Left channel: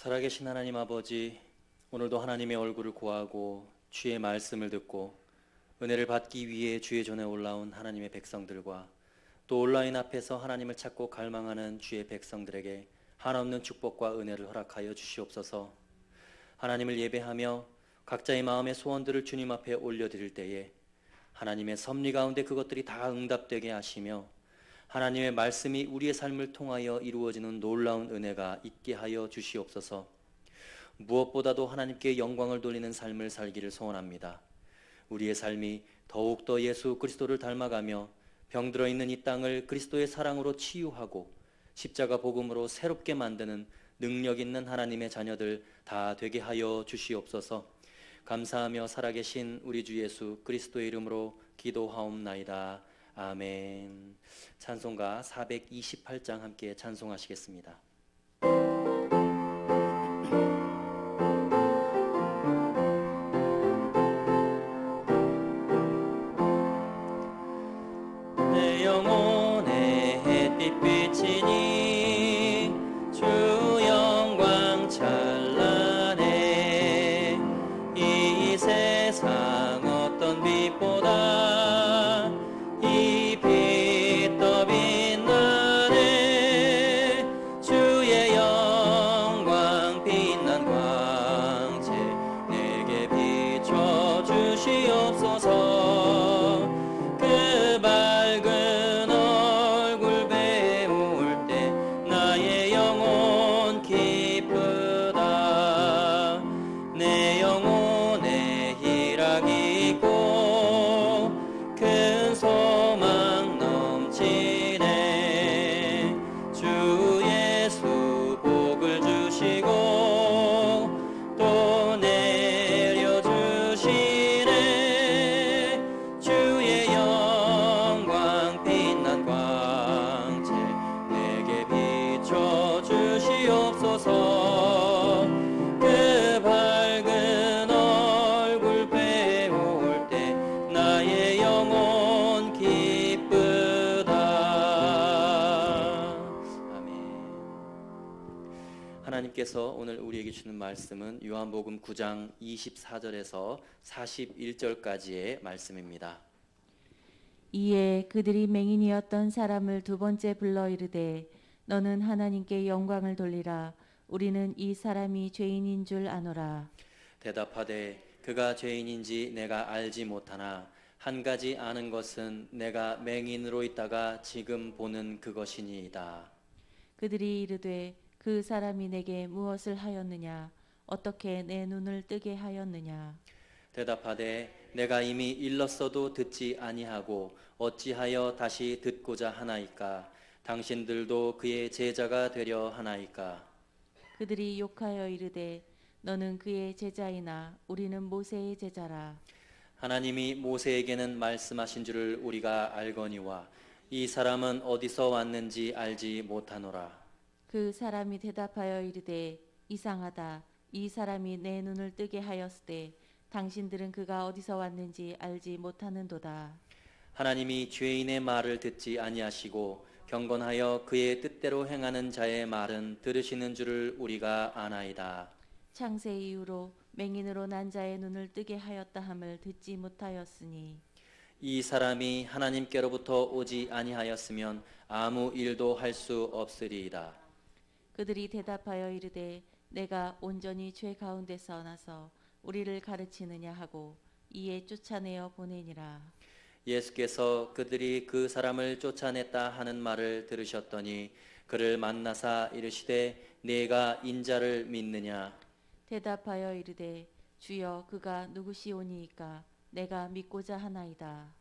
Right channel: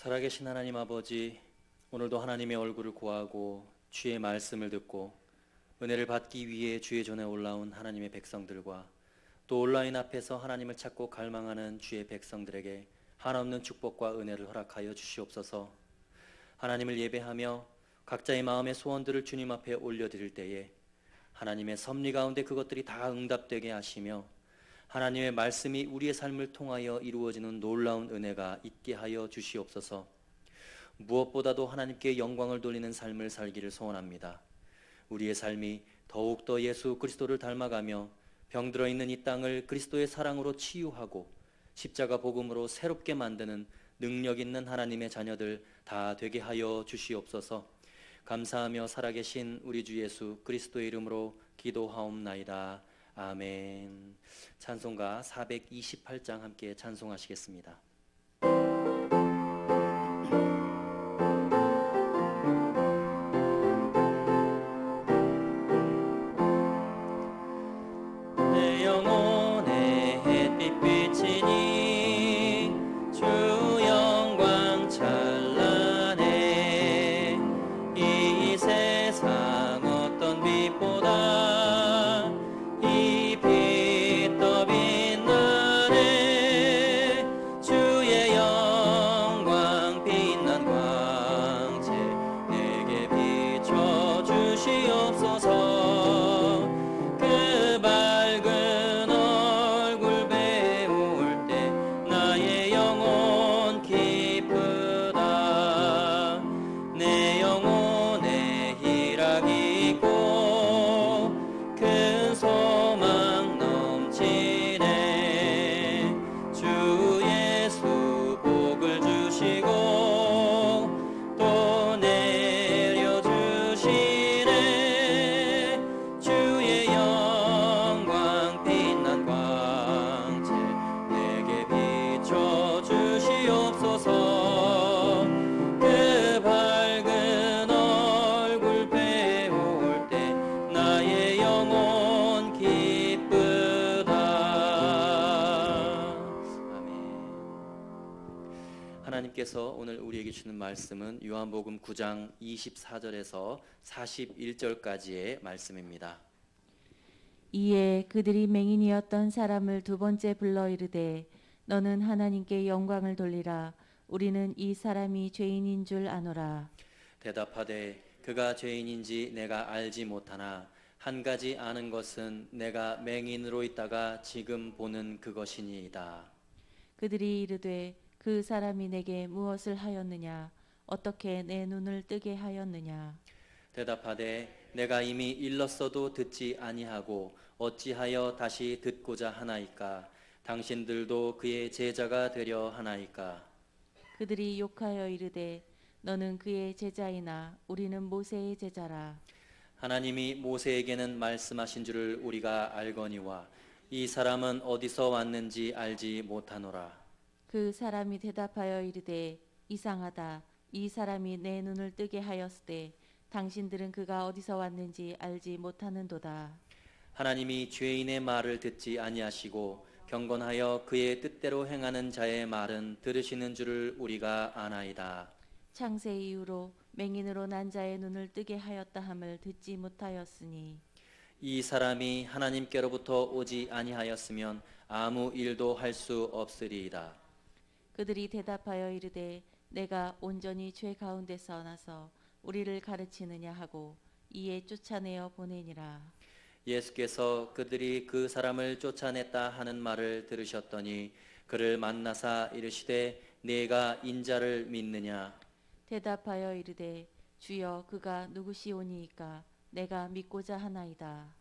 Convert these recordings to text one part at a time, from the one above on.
살아계신 하나님 아버지, 오늘도 하나님의 얼굴을 구하고 주의 말씀을 듣고 은혜를 받기 위해 주의 전에 올라온 하나님의 백성들과 또 온라인 앞에서 하나님을 찾고 갈망하는 주의 백성들에게 한없는 축복과 은혜를 허락하여 주시옵소서. 하나님을 예배하며 각자의 마음의 소원들을 주님 앞에 올려드릴 때에 하나님의 섭리 가운데 그것들이 다 응답되게 하시며 하나님의 말씀이 우리의 삶을 통하여 이루어지는 놀라운 은혜가 있게 하여 주시옵소서. 무엇보다도 하나님께 영광을 돌리는 삶을 살기를 소원합니다. 우리의 삶이 더욱더 예수 그리스도를 닮아가며 병들어 있는 이 땅을 그리스도의 사랑으로 치유하고 십자가 복음으로 새롭게 만드는 능력 있는 하나님의 자녀들 다 되게 하여 주시옵소서. 감사하며 살아계신 우리 주 예수 그리스도의 이름으로 기도하옵나이다. 아멘. 찬송가 428장 함께 찬송하시겠습니다. 내 영혼의 햇빛 비치니 주 영광 찬란해. 이 세상 어떤 빛보다 이 빛 더 빛나네. 주의 영광 빛난 광채 내게 비춰 주시옵소서. 그 밝은 얼굴 배울 때 나의 영혼 기쁘다. 내 영혼에 희락이 있고 큰 소망 넘치네. 주 예수 복을 주시고 또 내려주시네. 주의 영광 빛난 광채 내게 비춰 주시옵소서. 그 밝은 얼굴 배울 때 나의 영혼 기쁘다. 아멘. 하나님께서 오늘 우리에게 주는 말씀은 요한복음 9장 24절에서 41절까지의 말씀입니다. 이에 그들이 맹인이었던 사람을 두 번째 불러 이르되 너는 하나님께 영광을 돌리라. 우리는 이 사람이 죄인인 줄 아노라. 대답하되 그가 죄인인지 내가 알지 못하나 한 가지 아는 것은 내가 맹인으로 있다가 지금 보는 그것이니이다. 그들이 이르되 그 사람이 내게 무엇을 하였느냐? 어떻게 내 눈을 뜨게 하였느냐? 대답하되 내가 이미 일렀어도 듣지 아니하고 어찌하여 다시 듣고자 하나이까? 당신들도 그의 제자가 되려 하나이까? 그들이 욕하여 이르되 너는 그의 제자이나 우리는 모세의 제자라. 하나님이 모세에게는 말씀하신 줄을 우리가 알거니와 이 사람은 어디서 왔는지 알지 못하노라. 그 사람이 대답하여 이르되 이상하다. 이 사람이 내 눈을 뜨게 하였으되 당신들은 그가 어디서 왔는지 알지 못하는도다. 하나님이 죄인의 말을 듣지 아니하시고 경건하여 그의 뜻대로 행하는 자의 말은 들으시는 줄을 우리가 아나이다. 창세 이후로 맹인으로 난 자의 눈을 뜨게 하였다 함을 듣지 못하였으니 이 사람이 하나님께로부터 오지 아니하였으면 아무 일도 할 수 없으리이다. 그들이 대답하여 이르되 내가 온전히 죄 가운데서 나서 우리를 가르치느냐 하고 이에 쫓아내어 보내니라. 예수께서 그들이 그 사람을 쫓아냈다 하는 말을 들으셨더니 그를 만나사 이르시되 네가 인자를 믿느냐? 대답하여 이르되 주여 그가 누구시오니이까 내가 믿고자 하나이다.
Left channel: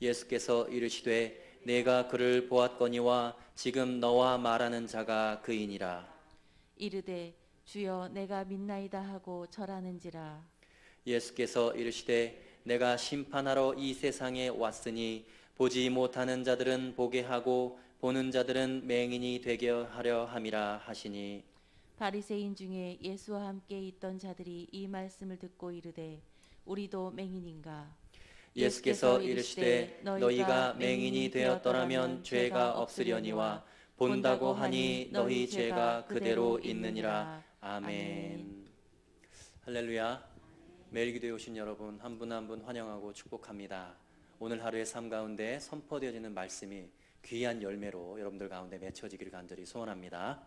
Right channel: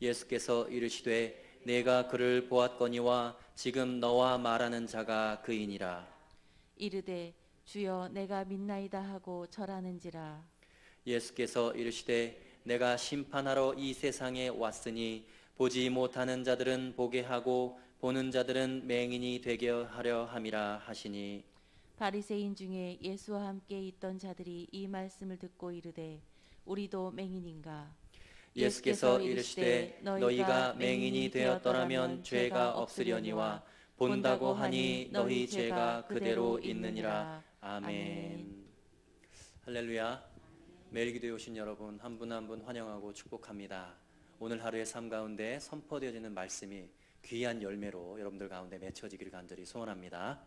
예수께서 이르시되 내가 그를 보았거니와 지금 너와 말하는 자가 그이니라. 이르되 주여 내가 믿나이다 하고 절하는지라. 예수께서 이르시되 내가 심판하러 이 세상에 왔으니 보지 못하는 자들은 보게 하고 보는 자들은 맹인이 되게 하려 함이라 하시니. 바리새인 중에 예수와 함께 있던 자들이 이 말씀을 듣고 이르되 우리도 맹인인가? 예수께서 이르시되 너희가 맹인이 되었더라면 죄가 없으려니와 본다고 하니 너희 죄가 그대로 있느니라 아멘. 할렐루야. 매일 기도에 오신 여러분 한 분 한 분 환영하고 축복합니다. 오늘 하루의 삶 가운데 선포되어지는 말씀이 귀한 열매로 여러분들 가운데 맺혀지기를 간절히 소원합니다.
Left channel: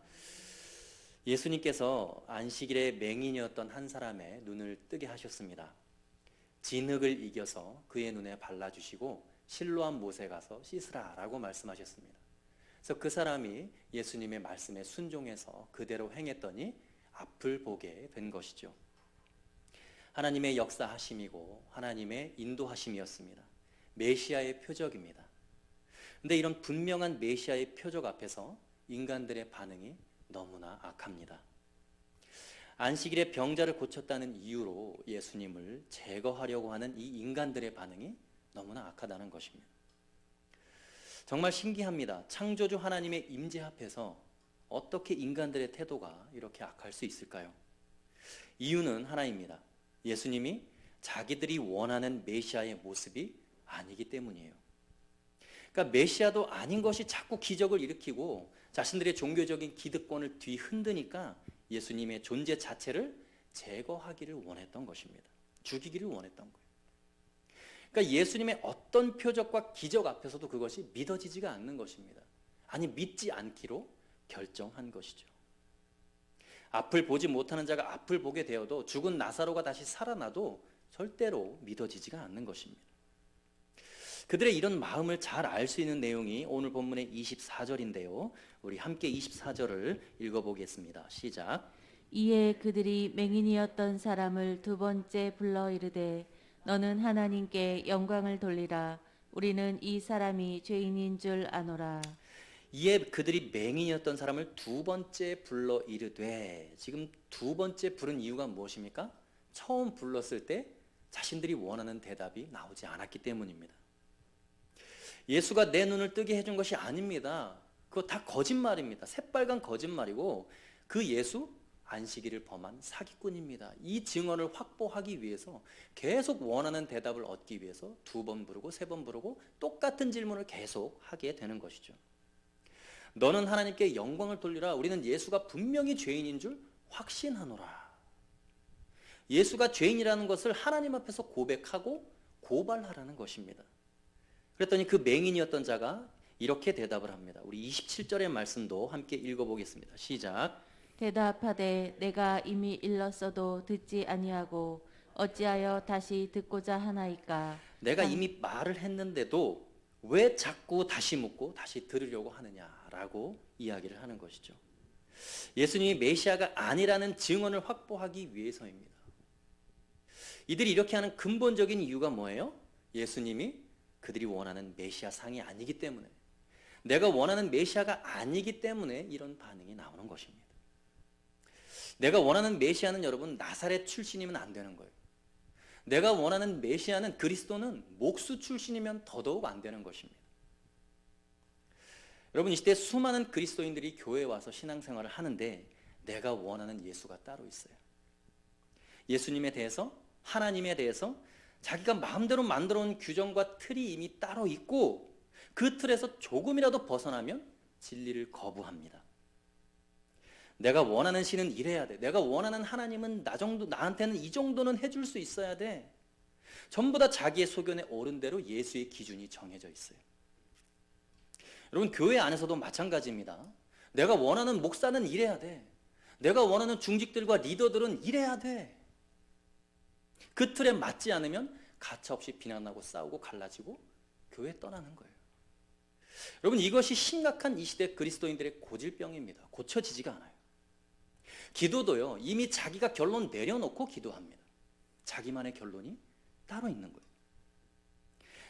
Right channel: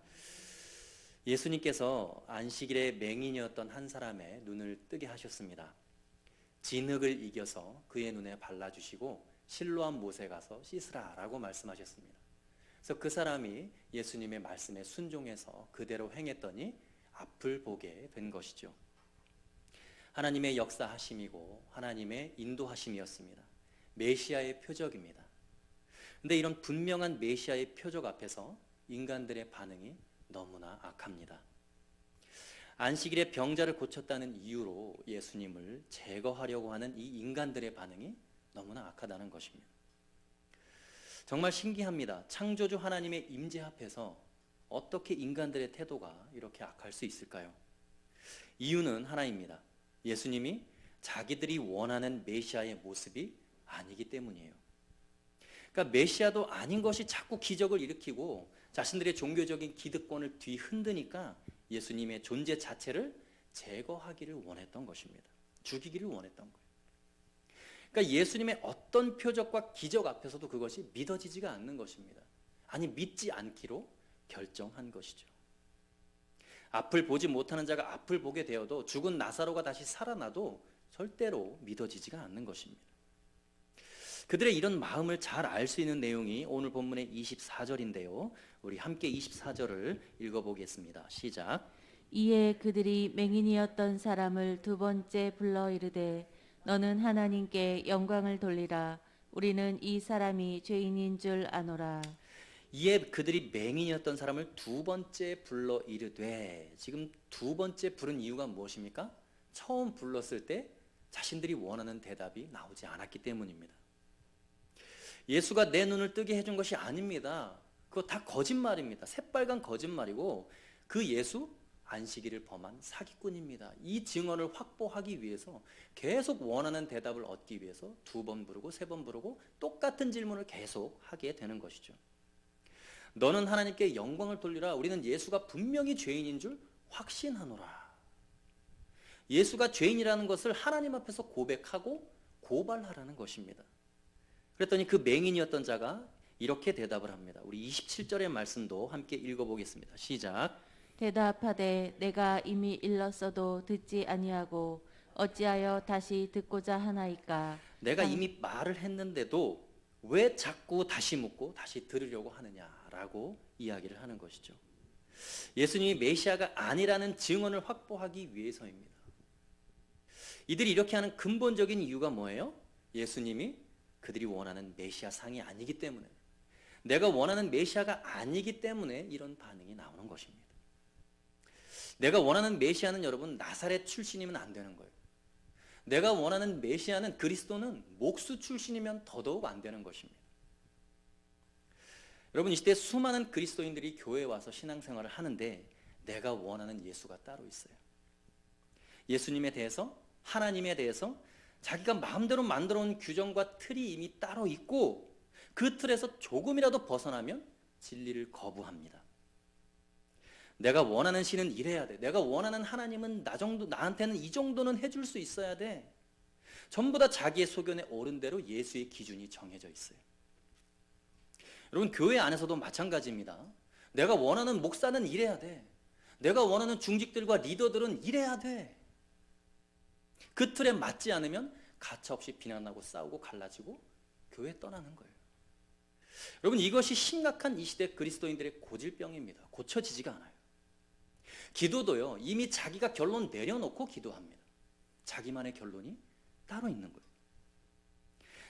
예수님께서 안식일에 맹인이었던 한 사람의 눈을 뜨게 하셨습니다. 진흙을 이겨서 그의 눈에 발라주시고 실로암 못에 가서 씻으라라고 말씀하셨습니다. 그래서 그 사람이 예수님의 말씀에 순종해서 그대로 행했더니 앞을 보게 된 것이죠. 하나님의 역사하심이고 하나님의 인도하심이었습니다. 메시아의 표적입니다. 그런데 이런 분명한 메시아의 표적 앞에서 인간들의 반응이 너무나 악합니다. 안식일에 병자를 고쳤다는 이유로 예수님을 제거하려고 하는 이 인간들의 반응이 너무나 악하다는 것입니다. 정말 신기합니다. 창조주 하나님의 임재 앞에서 어떻게 인간들의 태도가 이렇게 악할 수 있을까요? 이유는 하나입니다. 예수님이 자기들이 원하는 메시아의 모습이 아니기 때문이에요. 그러니까 메시아도 아닌 것이 자꾸 기적을 일으키고 자신들의 종교적인 기득권을 뒤흔드니까 예수님의 존재 자체를 제거하기를 원했던 것입니다. 죽이기를 원했던 거예요. 그러니까 예수님의 어떤 표적과 기적 앞에서도 그것이 믿어지지가 않는 것입니다. 아니 믿지 않기로 결정한 것이죠. 앞을 보지 못하는 자가 앞을 보게 되어도 죽은 나사로가 다시 살아나도 절대로 믿어지지가 않는 것입니다. 그들의 이런 마음을 잘 알 수 있는 내용이 오늘 본문의 24절인데요. 우리 함께 24절을 읽어보겠습니다. 시작. 이에 그들이 맹인이었던 사람을 두 번째 불러 이르되 너는 하나님께 영광을 돌리라. 우리는 이 사람이 죄인인 줄 아노라. 이에 그들이 맹인이었던 사람을 두 번째 불러 이르되, 지금 두 번째 부른 이유가 무엇입니까? 처음 불렀을 때 자신들이 원하는 대답이 나오지 않았기 때문입니다. 예수가 내 눈을 뜨게 해준 것이 아닙니다. 그거 다 거짓말입니다. 새빨간 거짓말이고 그 예수 안식일을 범한 사기꾼입니다. 이 증언을 확보하기 위해서 계속 원하는 대답을 얻기 위해서 두 번 부르고 세 번 부르고 똑같은 질문을 계속 하게 되는 것이죠. 너는 하나님께 영광을 돌리라. 우리는 예수가 분명히 죄인인 줄 확신하노라. 예수가 죄인이라는 것을 하나님 앞에서 고백하고 고발하라는 것입니다. 그랬더니 그 맹인이었던 자가 이렇게 대답을 합니다. 우리 27절의 말씀도 함께 읽어보겠습니다. 시작. 대답하되 내가 이미 일렀어도 듣지 아니하고 어찌하여 다시 듣고자 하나이까. 내가 이미 말을 했는데도 왜 자꾸 다시 묻고 다시 들으려고 하느냐라고 이야기를 하는 것이죠. 예수님이 메시아가 아니라는 증언을 확보하기 위해서입니다. 이들이 이렇게 하는 근본적인 이유가 뭐예요? 예수님이 그들이 원하는 메시아 상이 아니기 때문에, 내가 원하는 메시아가 아니기 때문에 이런 반응이 나오는 것입니다. 내가 원하는 메시아는 여러분 나사렛 출신이면 안 되는 거예요. 내가 원하는 메시아는 그리스도는 목수 출신이면 더더욱 안 되는 것입니다. 여러분 이 시대 수많은 그리스도인들이 교회에 와서 신앙생활을 하는데 내가 원하는 예수가 따로 있어요. 예수님에 대해서, 하나님에 대해서 자기가 마음대로 만들어 온 규정과 틀이 이미 따로 있고 그 틀에서 조금이라도 벗어나면 진리를 거부합니다. 내가 원하는 신은 이래야 돼. 내가 원하는 하나님은 나한테는 이 정도는 해줄 수 있어야 돼. 전부 다 자기의 소견에 옳은 대로 예수의 기준이 정해져 있어요. 여러분 교회 안에서도 마찬가지입니다. 내가 원하는 목사는 이래야 돼. 내가 원하는 중직들과 리더들은 이래야 돼. 그 틀에 맞지 않으면 가차없이 비난하고 싸우고 갈라지고 교회 떠나는 거예요. 여러분 이것이 심각한 이 시대 그리스도인들의 고질병입니다. 고쳐지지가 않아요. 기도도요 이미 자기가 결론 내려놓고 기도합니다. 자기만의 결론이 따로 있는 거예요.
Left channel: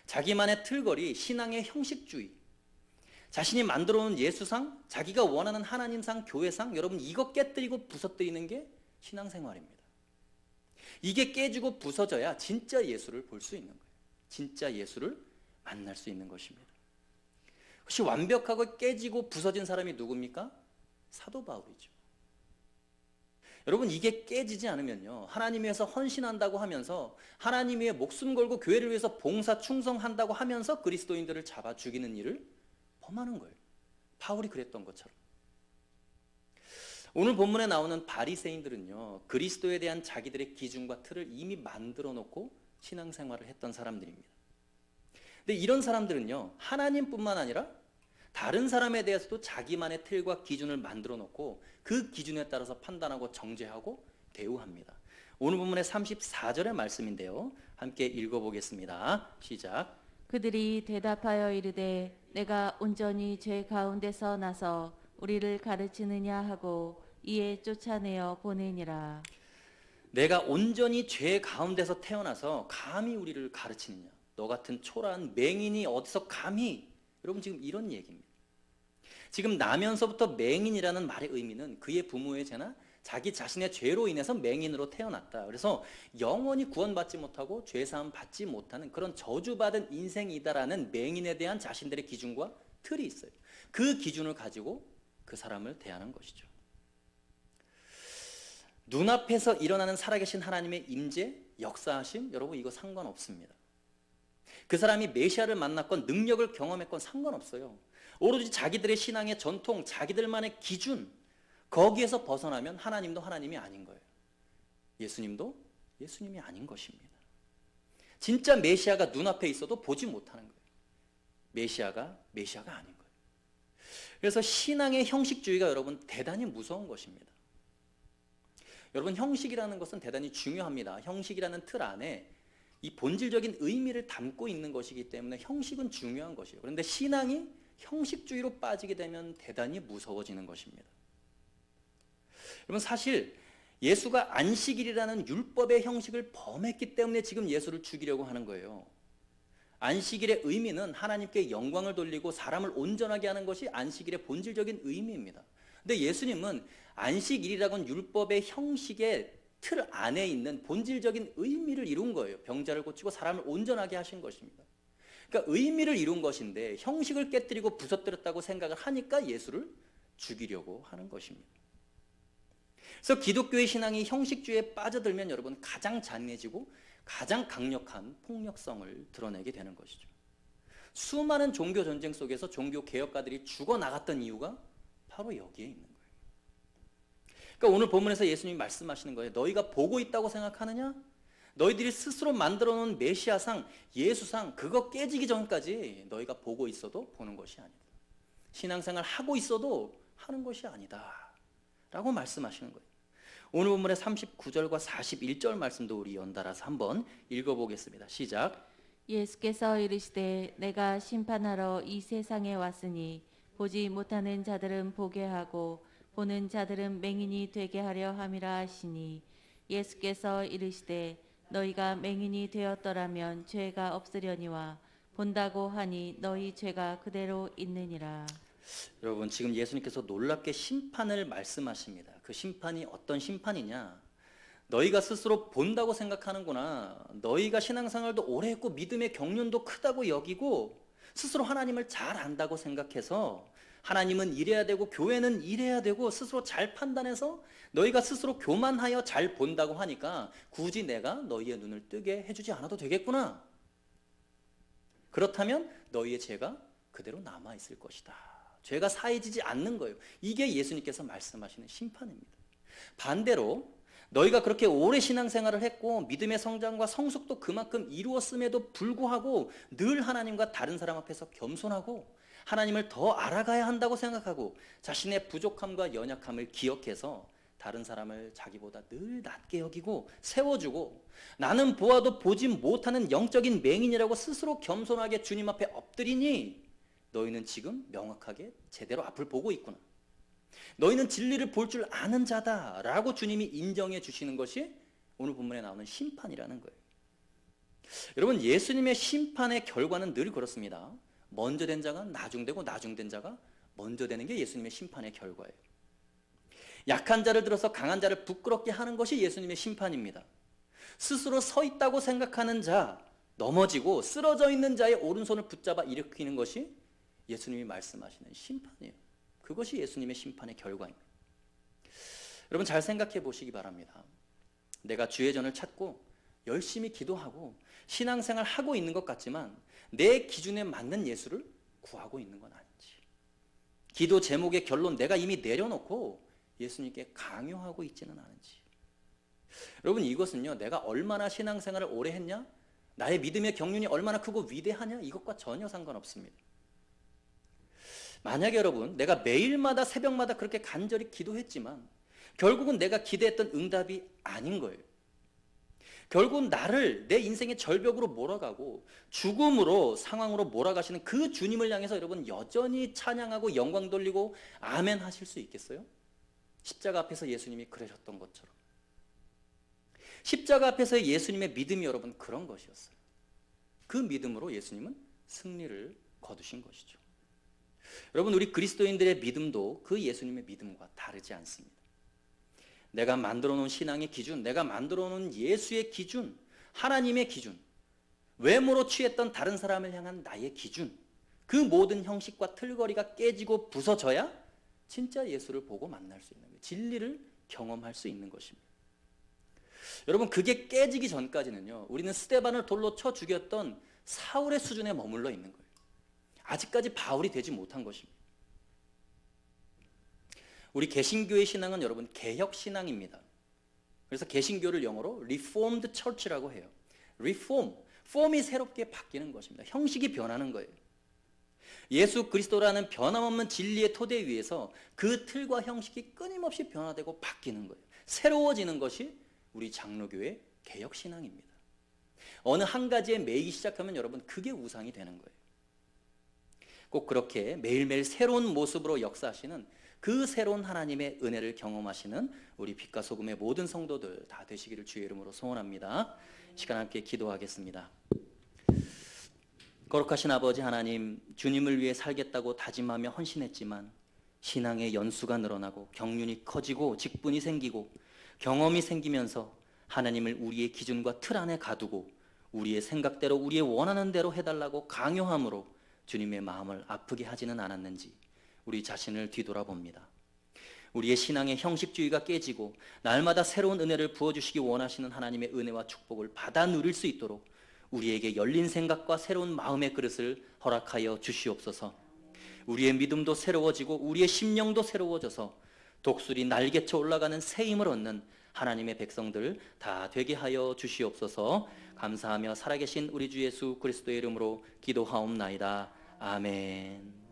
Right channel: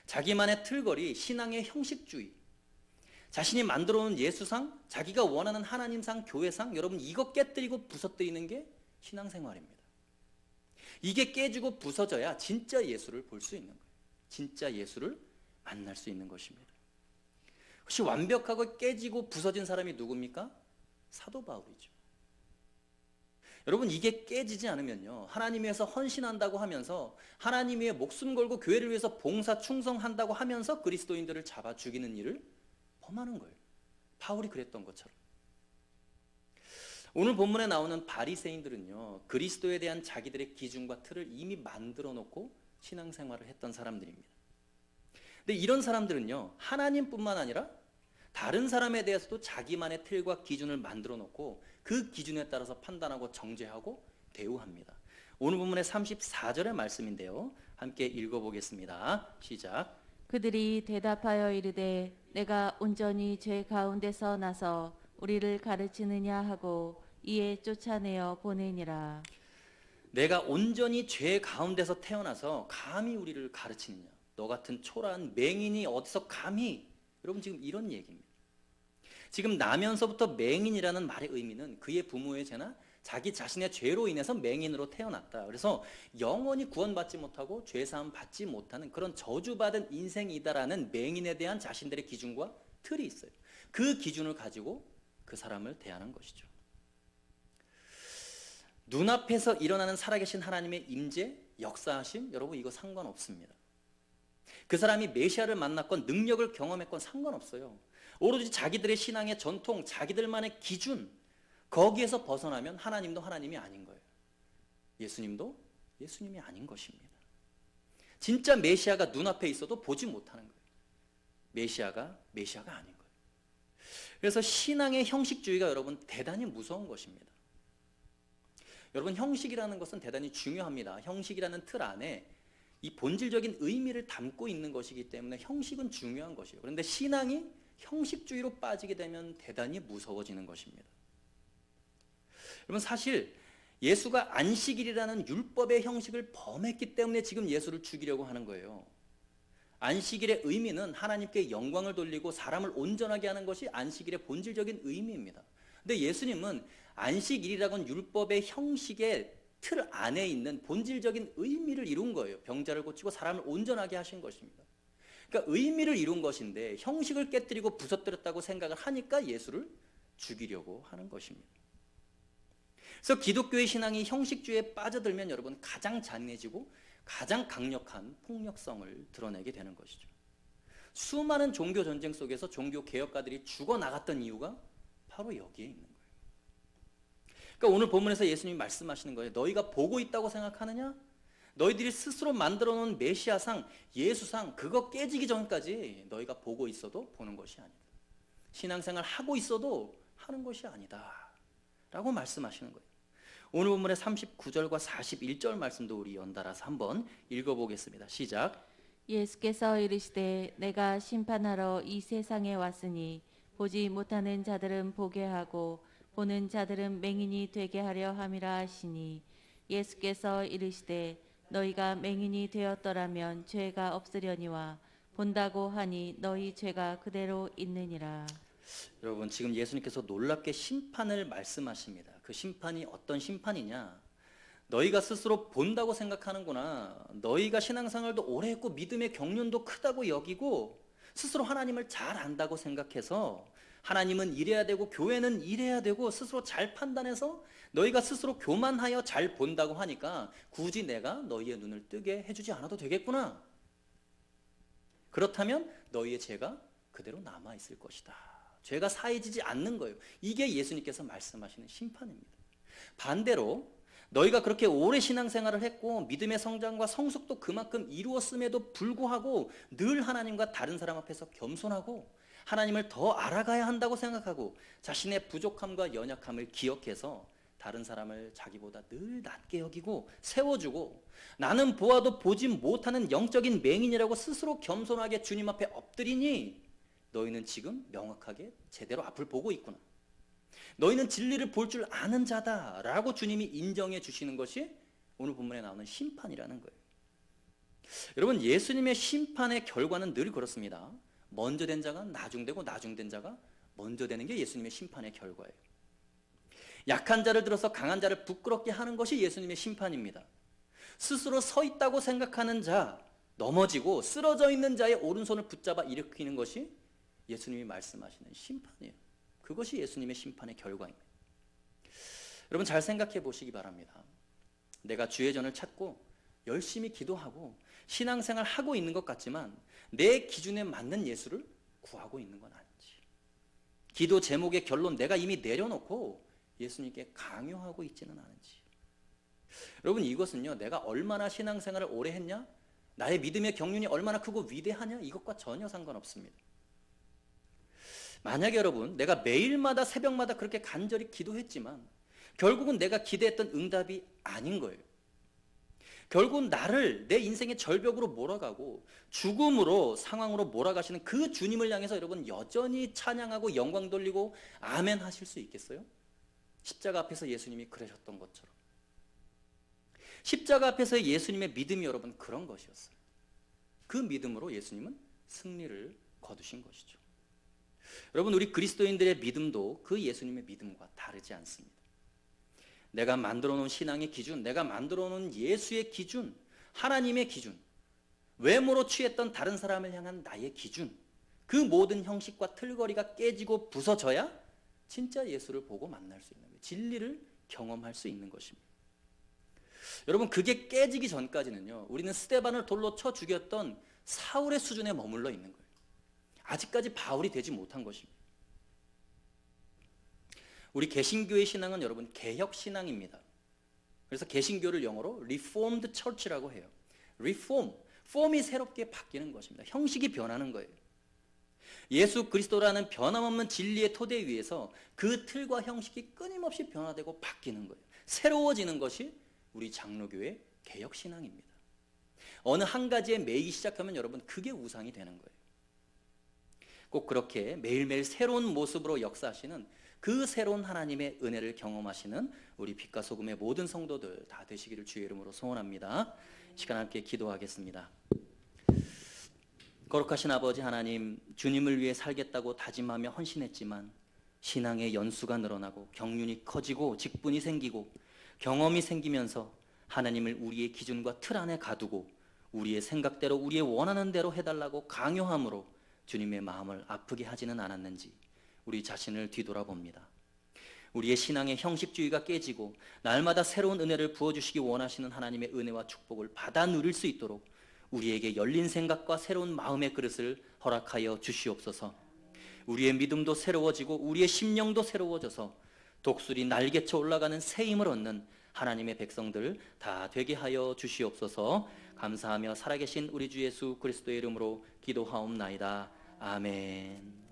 자기만의 틀거리, 신앙의 형식주의, 자신이 만들어 놓은 예수상, 자기가 원하는 하나님상, 교회상, 여러분 이거 깨뜨리고 부서뜨리는 게 신앙생활입니다. 이게 깨지고 부서져야 진짜 예수를 볼 수 있는 거예요. 진짜 예수를 만날 수 있는 것입니다. 혹시 완벽하고 깨지고 부서진 사람이 누굽니까? 사도 바울이죠. 여러분 이게 깨지지 않으면요 하나님 위해서 헌신한다고 하면서 하나님 위해 목숨 걸고 교회를 위해서 봉사 충성한다고 하면서 그리스도인들을 잡아 죽이는 일을 범하는 거예요. 바울이 그랬던 것처럼. 오늘 본문에 나오는 바리새인들은요, 그리스도에 대한 자기들의 기준과 틀을 이미 만들어 놓고 신앙생활을 했던 사람들입니다. 근데 이런 사람들은요, 하나님뿐만 아니라 다른 사람에 대해서도 자기만의 틀과 기준을 만들어 놓고 그 기준에 따라서 판단하고 정죄하고 대우합니다. 오늘 본문의 34절의 말씀인데요, 함께 읽어보겠습니다. 시작. 그들이 대답하여 이르되 내가 온전히 죄 가운데서 나서 우리를 가르치느냐 하고 이에 쫓아내어 보내니라. 내가 온전히 죄 가운데서 태어나서 감히 우리를 가르치느냐? 너 같은 초라한 맹인이 어디서 감히? 여러분 지금 이런 얘기입니다. 지금 나면서부터 맹인이라는 말의 의미는 그의 부모의 죄나 자기 자신의 죄로 인해서 맹인으로 태어났다. 그래서 영원히 구원받지 못하고 죄사함 받지 못하는 그런 저주받은 인생이다라는 맹인에 대한 자신들의 기준과 틀이 있어요. 그 기준을 가지고 그 사람을 대하는 것이죠. 눈앞에서 일어나는 살아계신 하나님의 임재, 역사하심, 여러분 이거 상관없습니다. 그 사람이 메시아를 만났건 능력을 경험했건 상관없어요. 오로지 자기들의 신앙의 전통, 자기들만의 기준, 거기에서 벗어나면 하나님도 하나님이 아닌 거예요. 예수님도 예수님이 아닌 것입니다. 진짜 메시아가 눈앞에 있어도 보지 못하는 거예요. 메시아가 아닌 거예요. 그래서 신앙의 형식주의가 여러분 대단히 무서운 것입니다. 여러분 형식이라는 것은 대단히 중요합니다. 형식이라는 틀 안에 이 본질적인 의미를 담고 있는 것이기 때문에 형식은 중요한 것이에요. 그런데 신앙이 형식주의로 빠지게 되면 대단히 무서워지는 것입니다. 여러분 사실 예수가 안식일이라는 율법의 형식을 범했기 때문에 지금 예수를 죽이려고 하는 거예요. 안식일의 의미는 하나님께 영광을 돌리고 사람을 온전하게 하는 것이 안식일의 본질적인 의미입니다. 근데 예수님은 안식일이라고는 율법의 형식의 틀 안에 있는 본질적인 의미를 이룬 거예요. 병자를 고치고 사람을 온전하게 하신 것입니다. 그러니까 의미를 이룬 것인데 형식을 깨뜨리고 부서뜨렸다고 생각을 하니까 예수를 죽이려고 하는 것입니다. 그래서 기독교의 신앙이 형식주의에 빠져들면 여러분 가장 잔인해지고 가장 강력한 폭력성을 드러내게 되는 것이죠. 수많은 종교 전쟁 속에서 종교 개혁가들이 죽어나갔던 이유가 바로 여기에 있는 거예요. 그러니까 오늘 본문에서 예수님이 말씀하시는 거예요. 너희가 보고 있다고 생각하느냐? 너희들이 스스로 만들어 놓은 메시아상, 예수상 그거 깨지기 전까지 너희가 보고 있어도 보는 것이 아니다. 신앙생활 하고 있어도 하는 것이 아니다 라고 말씀하시는 거예요. 오늘 본문의 39절과 41절 말씀도 우리 연달아서 한번 읽어보겠습니다. 시작. 예수께서 이르시되 내가 심판하러 이 세상에 왔으니 보지 못하는 자들은 보게 하고 보는 자들은 맹인이 되게 하려 함이라 하시니 예수께서 이르시되 너희가 맹인이 되었더라면 죄가 없으려니와 본다고 하니 너희 죄가 그대로 있느니라. 여러분 지금 예수님께서 놀랍게 심판을 말씀하십니다. 그 심판이 어떤 심판이냐? 너희가 스스로 본다고 생각하는구나. 너희가 신앙생활도 오래 했고 믿음의 경륜도 크다고 여기고 스스로 하나님을 잘 안다고 생각해서 하나님은 이래야 되고 교회는 이래야 되고 스스로 잘 판단해서 너희가 스스로 교만하여 잘 본다고 하니까 굳이 내가 너희의 눈을 뜨게 해주지 않아도 되겠구나. 그렇다면 너희의 죄가 그대로 남아있을 것이다. 죄가 사해지지 않는 거예요. 이게 예수님께서 말씀하시는 심판입니다. 반대로 너희가 그렇게 오래 신앙생활을 했고 믿음의 성장과 성숙도 그만큼 이루었음에도 불구하고 늘 하나님과 다른 사람 앞에서 겸손하고 하나님을 더 알아가야 한다고 생각하고 자신의 부족함과 연약함을 기억해서 다른 사람을 자기보다 늘 낮게 여기고 세워주고 나는 보아도 보지 못하는 영적인 맹인이라고 스스로 겸손하게 주님 앞에 엎드리니 너희는 지금 명확하게 제대로 앞을 보고 있구나. 너희는 진리를 볼 줄 아는 자다라고 주님이 인정해 주시는 것이 오늘 본문에 나오는 심판이라는 거예요. 여러분 예수님의 심판의 결과는 늘 그렇습니다. 먼저 된 자가 나중되고 나중된 자가 먼저 되는 게 예수님의 심판의 결과예요. 약한 자를 들어서 강한 자를 부끄럽게 하는 것이 예수님의 심판입니다. 스스로 서 있다고 생각하는 자, 넘어지고 쓰러져 있는 자의 오른손을 붙잡아 일으키는 것이 예수님이 말씀하시는 심판이에요. 그것이 예수님의 심판의 결과입니다. 여러분 잘 생각해 보시기 바랍니다. 내가 주의 전을 찾고 열심히 기도하고 신앙생활 하고 있는 것 같지만 내 기준에 맞는 예수를 구하고 있는 건 아닌지, 기도 제목의 결론 내가 이미 내려놓고 예수님께 강요하고 있지는 않은지. 여러분, 이것은요, 내가 얼마나 신앙생활을 오래 했냐, 나의 믿음의 경륜이 얼마나 크고 위대하냐, 이것과 전혀 상관없습니다. 만약에 여러분, 내가 매일마다 새벽마다 그렇게 간절히 기도했지만 결국은 내가 기대했던 응답이 아닌 거예요. 결국은 나를 내 인생의 절벽으로 몰아가고 죽음으로, 상황으로 몰아가시는 그 주님을 향해서 여러분 여전히 찬양하고 영광 돌리고 아멘 하실 수 있겠어요? 십자가 앞에서 예수님이 그러셨던 것처럼. 십자가 앞에서의 예수님의 믿음이 여러분 그런 것이었어요. 그 믿음으로 예수님은 승리를 거두신 것이죠. 여러분, 우리 그리스도인들의 믿음도 그 예수님의 믿음과 다르지 않습니다. 내가 만들어 놓은 신앙의 기준, 내가 만들어 놓은 예수의 기준, 하나님의 기준, 외모로 취했던 다른 사람을 향한 나의 기준, 그 모든 형식과 틀거리가 깨지고 부서져야 진짜 예수를 보고 만날 수 있는 거예요. 진리를 경험할 수 있는 것입니다. 여러분, 그게 깨지기 전까지는요, 우리는 스데반을 돌로 쳐 죽였던 사울의 수준에 머물러 있는 거예요. 아직까지 바울이 되지 못한 것입니다. 우리 개신교의 신앙은 여러분 개혁 신앙입니다. 그래서 개신교를 영어로 Reformed Church라고 해요. Reform, 폼이 새롭게 바뀌는 것입니다. 형식이 변하는 거예요. 예수 그리스도라는 변함없는 진리의 토대 위에서 그 틀과 형식이 끊임없이 변화되고 바뀌는 거예요. 새로워지는 것이 우리 장로교의 개혁 신앙입니다. 어느 한 가지에 매이기 시작하면 여러분 그게 우상이 되는 거예요. 꼭 그렇게 매일매일 새로운 모습으로 역사하시는 그 새로운 하나님의 은혜를 경험하시는 우리 빛과 소금의 모든 성도들 다 되시기를 주의 이름으로 소원합니다. 시간 함께 기도하겠습니다. 거룩하신 아버지 하나님, 주님을 위해 살겠다고 다짐하며 헌신했지만 신앙의 연수가 늘어나고 경륜이 커지고 직분이 생기고 경험이 생기면서 하나님을 우리의 기준과 틀 안에 가두고 우리의 생각대로 우리의 원하는 대로 해달라고 강요함으로 주님의 마음을 아프게 하지는 않았는지 우리 자신을 뒤돌아봅니다. 우리의 신앙의 형식주의가 깨지고 날마다 새로운 은혜를 부어주시기 원하시는 하나님의 은혜와 축복을 받아 누릴 수 있도록 우리에게 열린 생각과 새로운 마음의 그릇을 허락하여 주시옵소서. 우리의 믿음도 새로워지고 우리의 심령도 새로워져서 독수리 날개쳐 올라가는 새 힘을 얻는 하나님의 백성들 다 되게 하여 주시옵소서. 감사하며 살아계신 우리 주 예수 그리스도의 이름으로 기도하옵나이다. 아멘.